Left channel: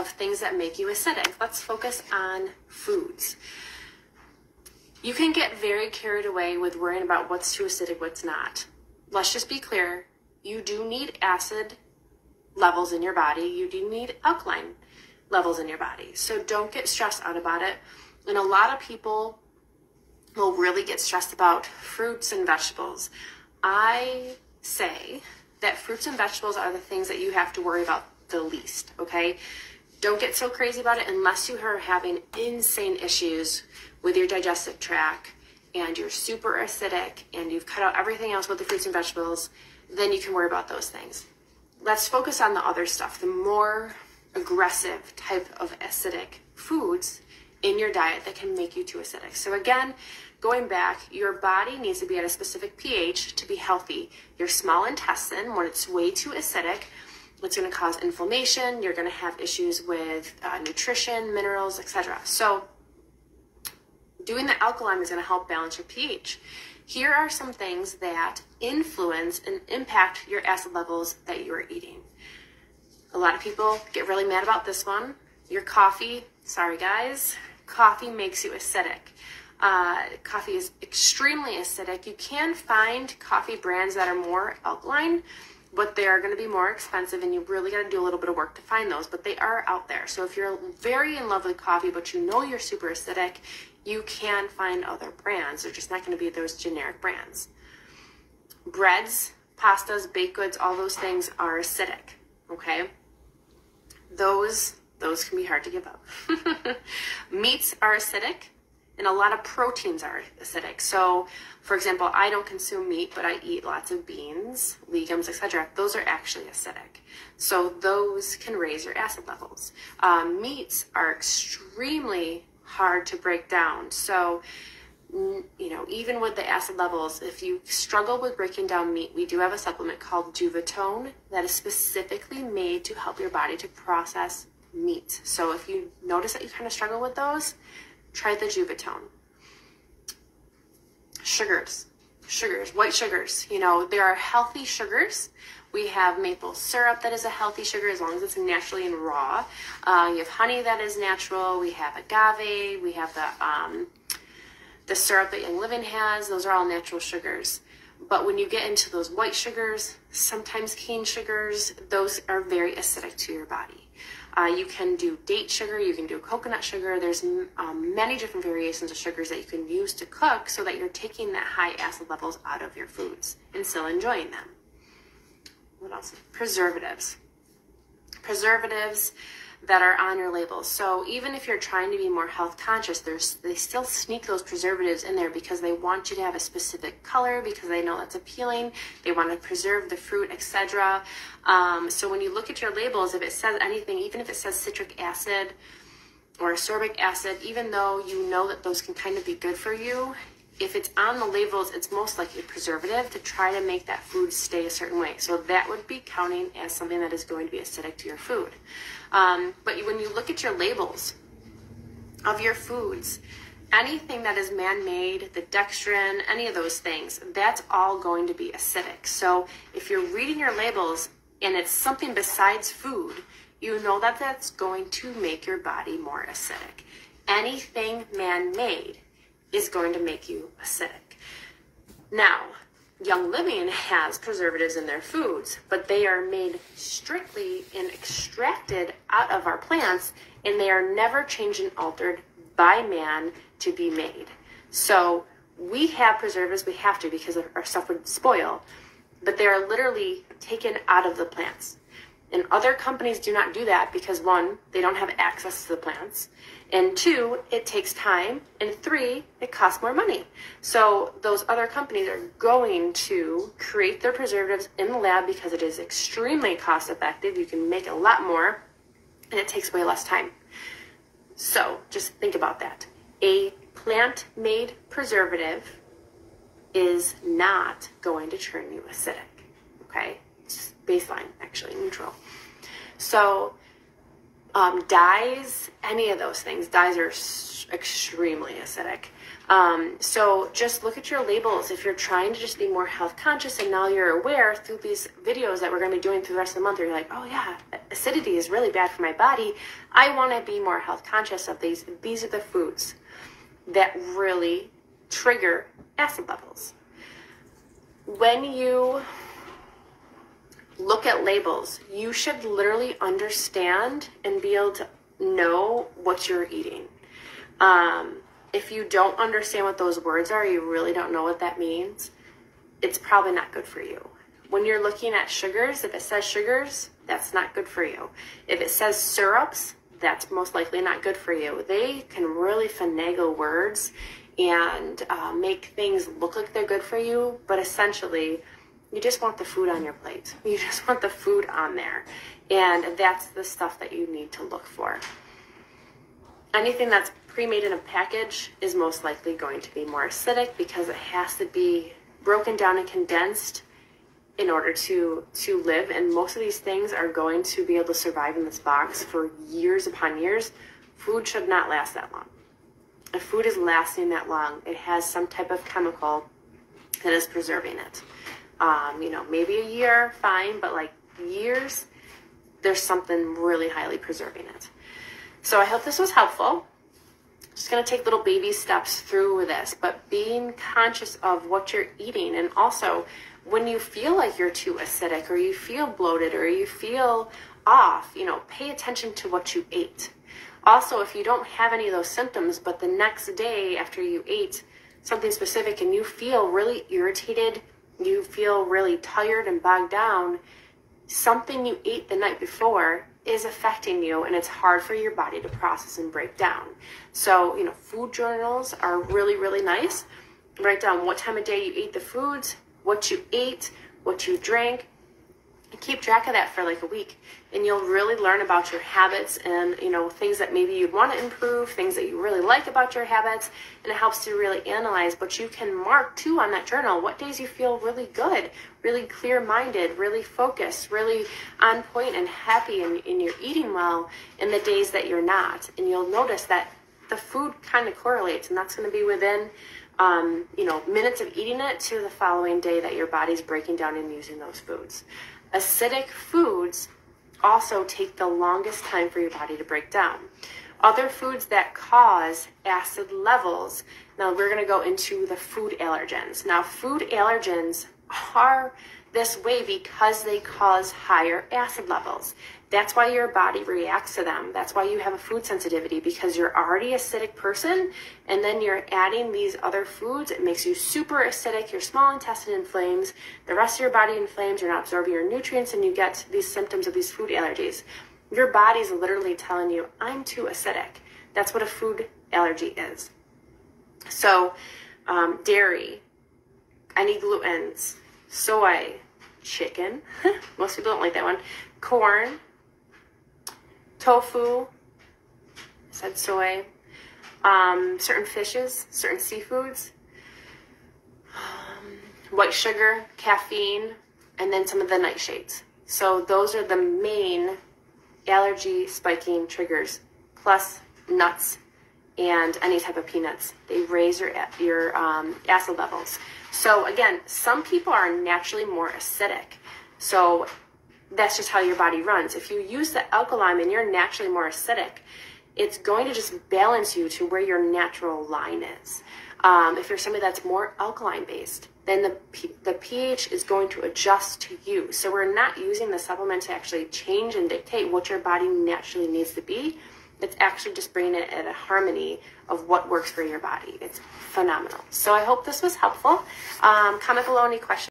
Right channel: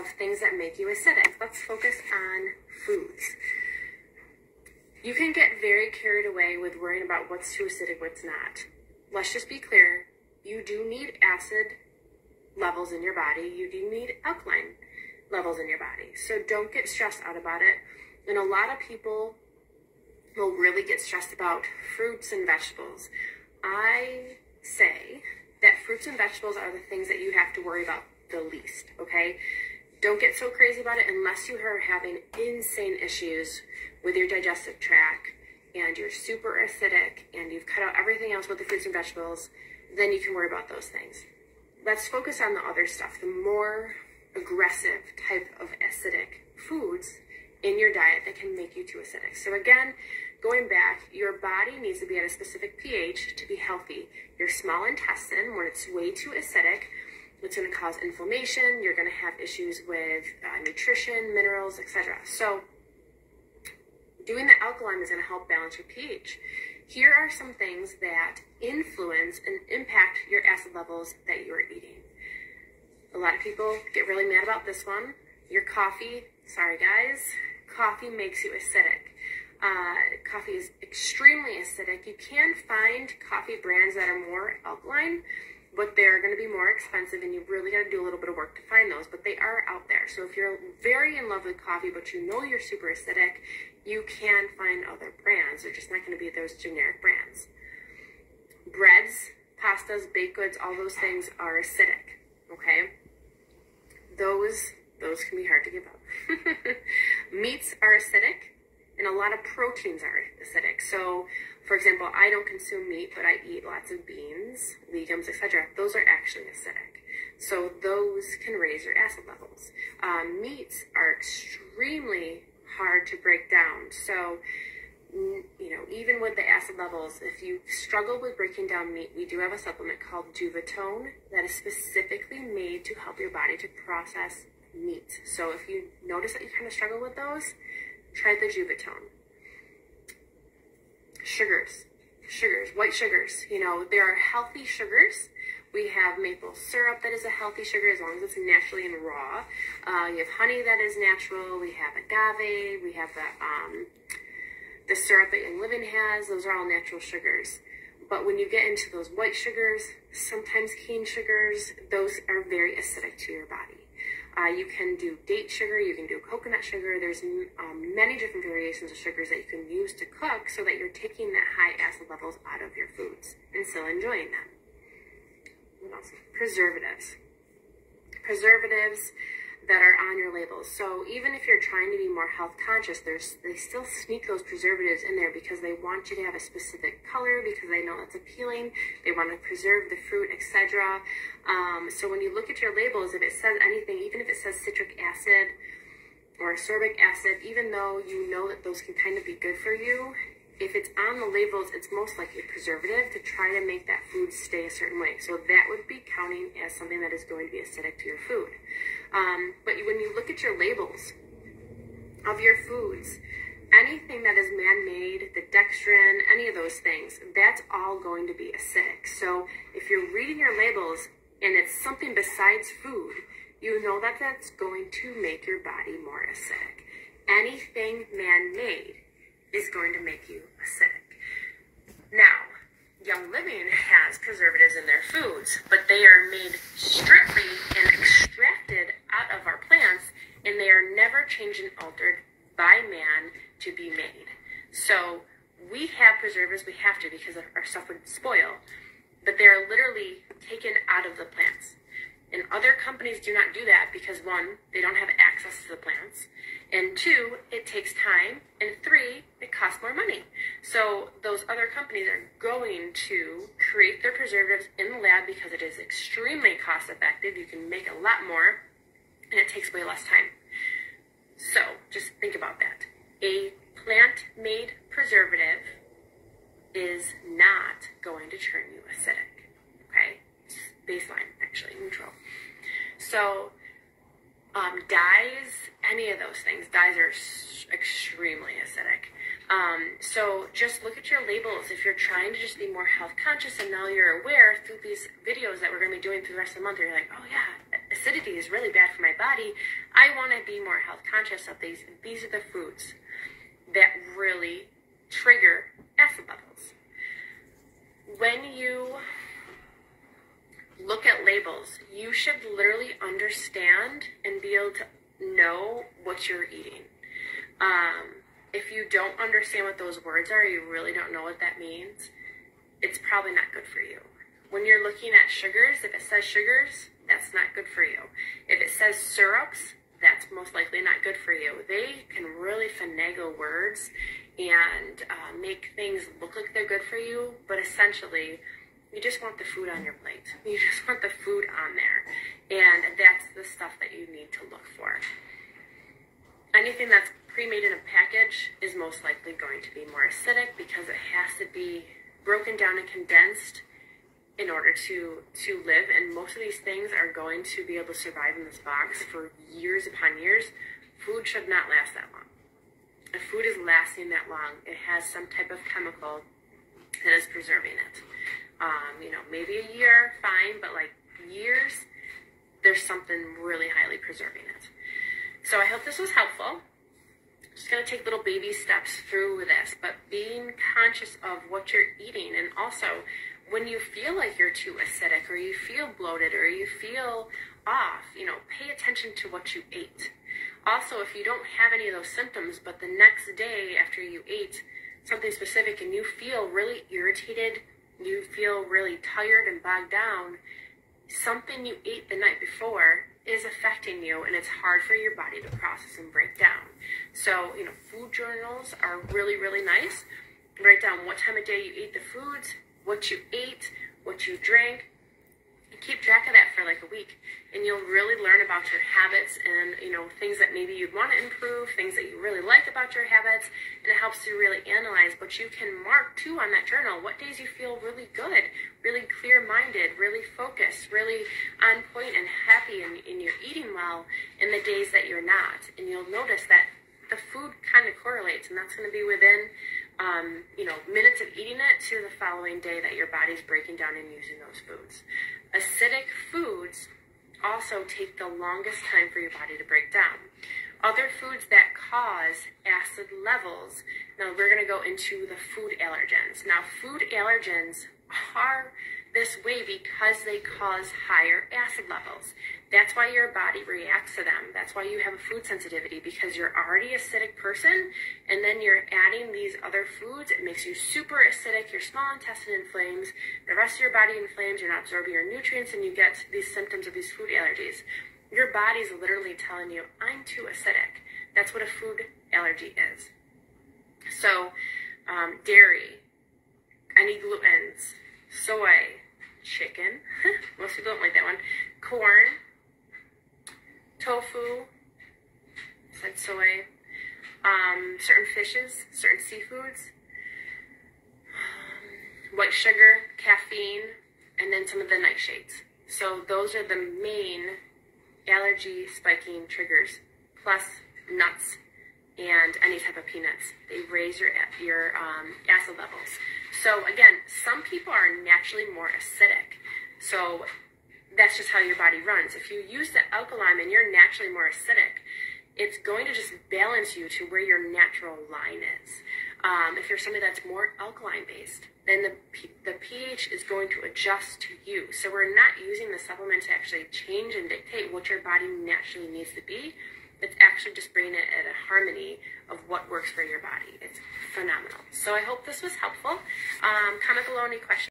of things that make you acidic. Let's focus on foods. You can get very carried away with worrying about what's too acidic, what's not. Let's just be clear. You do need acid levels in your body. You do need alkaline levels in your body. So don't get stressed out about it. And a lot of people will really get stressed about fruits and vegetables. I say that fruits and vegetables are the things that you have to worry about the least, okay? Don't get so crazy about it unless you are having insane issues with your digestive tract and you're super acidic and you've cut out everything else with the fruits and vegetables, then you can worry about those things. Let's focus on the other stuff, the more aggressive type of acidic foods in your diet that can make you too acidic. So again, going back, your body needs to be at a specific pH to be healthy. Your small intestine, when it's way too acidic, it's going to cause inflammation. You're going to have issues with nutrition, minerals, etc. So doing the alkaline is going to help balance your pH. Here are some things that influence and impact your acid levels that you are eating. A lot of people get really mad about this one. Your coffee, sorry guys, coffee makes you acidic. Coffee is extremely acidic. You can find coffee brands that are more alkaline, but they are going to be more expensive and you really got to do a little bit of work to find those, but they are out there. So if you're very in love with coffee, but you know you're super acidic, you can find other brands. They're just not going to be those generic brands. Breads, pastas, baked goods, all those things are acidic, okay? Those can be hard to give up. Meats are acidic, and a lot of proteins are acidic. So, for example, I don't consume meat, but I eat lots of beans, legumes, etc. Those are actually acidic. So those can raise your acid levels. Meats are extremely hard to break down. So, you know, even with the acid levels, if you struggle with breaking down meat, we do have a supplement called Juvatone that is specifically made to help your body to process meat. So if you notice that you kind of struggle with those, try the Juvatone. Sugars, white sugars, you know, there are healthy sugars. We have maple syrup that is a healthy sugar as long as it's naturally and raw. You have honey that is natural. We have agave. We have the syrup that Young Living has. Those are all natural sugars. But when you get into those white sugars, sometimes cane sugars, those are very acidic to your body. You can do date sugar, you can do coconut sugar. There's many different variations of sugars that you can use to cook so that you're taking that high acid levels out of your foods and still enjoying them. What else? Preservatives. Preservatives that are on your labels. So even if you're trying to be more health conscious, they still sneak those preservatives in there because they want you to have a specific color, because they know that's appealing. They want to preserve the fruit, etc. So when you look at your labels, if it says anything, even if it says citric acid or ascorbic acid, even though you know that those can kind of be good for you, if it's on the labels, it's most likely a preservative to try to make that food stay a certain way. So that would be counting as something that is going to be acidic to your food. But when you look at your labels of your foods, anything that is man-made, the dextrin, any of those things, that's all going to be acidic. So if you're reading your labels and it's something besides food, you know that that's going to make your body more acidic. Anything man-made is going to make you acidic. Now, Young Living has preservatives in their foods, but they are made strictly and extracted out of our plants, and they are never changed and altered by man to be made. So we have preservatives, we have to because our stuff would spoil, but they are literally taken out of the plants. And other companies do not do that because, one, they don't have access to the plants, and two, it takes time, and three, it costs more money. So those other companies are going to create their preservatives in the lab because it is extremely cost effective. You can make a lot more, and it takes way less time. So just think about that. A plant-made preservative is not going to turn you acidic, okay? It's baseline, actually, neutral. So Dyes, any of those things. Dyes are extremely acidic. So just look at your labels. If you're trying to just be more health conscious and now you're aware through these videos that we're going to be doing through the rest of the month, you're like, oh yeah, acidity is really bad for my body. I want to be more health conscious of these. These are the foods that really trigger acid levels. When you look at labels, you should literally understand and be able to know what you're eating. If you don't understand what those words are, you really don't know what that means, it's probably not good for you. When you're looking at sugars, if it says sugars, that's not good for you. If it says syrups, that's most likely not good for you. They can really finagle words and make things look like they're good for you, but essentially, you just want the food on your plate. You just want the food on there. And that's the stuff that you need to look for. Anything that's pre-made in a package is most likely going to be more acidic because it has to be broken down and condensed in order to live. And most of these things are going to be able to survive in this box for years upon years. Food should not last that long. If food is lasting that long, it has some type of chemical that is preserving it. Maybe a year, fine, but like years, there's something really highly preserving it. So I hope this was helpful. Just going to take little baby steps through this, but being conscious of what you're eating. And also, when you feel like you're too acidic or you feel bloated or you feel off, pay attention to what you ate. Also, if you don't have any of those symptoms, but the next day after you ate something specific and you feel really irritated, you feel really tired and bogged down, something you ate the night before is affecting you, and it's hard for your body to process and break down. So, food journals are really, really nice. Write down what time of day you ate the foods, what you ate, what you drank, and keep track of that for like a week. And you'll really learn about your habits and, things that maybe you'd want to improve, things that you really like about your habits, and it helps to really analyze. But you can mark too on that journal what days you feel really good, really clear-minded, really focused, really on point and happy, and you're eating well, and the days that you're not. And you'll notice that the food kind of correlates, and that's going to be within minutes of eating it to the following day that your body's breaking down and using those foods. Acidic foods also take the longest time for your body to break down. Other foods that cause acid levels, now we're going to go into the food allergens. Now, food allergens are this way because they cause higher acid levels. That's why your body reacts to them. That's why you have a food sensitivity, because you're already an acidic person, and then you're adding these other foods. It makes you super acidic. Your small intestine inflames. The rest of your body inflames. You're not absorbing your nutrients, and you get these symptoms of these food allergies. Your body's literally telling you, I'm too acidic. That's what a food allergy is. So, dairy, any glutens, soy, chicken, most people don't like that one, corn, tofu, I said soy, certain fishes, certain seafoods, white sugar, caffeine, and then some of the nightshades. So those are the main allergy spiking triggers, plus nuts and any type of peanuts. They raise your acid levels. So again, some people are naturally more acidic. So that's just how your body runs. If you use the alkaline and you're naturally more acidic, it's going to just balance you to where your natural line is. If you're somebody that's more alkaline based, then the pH is going to adjust to you. So we're not using the supplement to actually change and dictate what your body naturally needs to be. It's actually just bringing it at a harmony of what works for your body. It's phenomenal. So I hope this was helpful. Comment below any questions.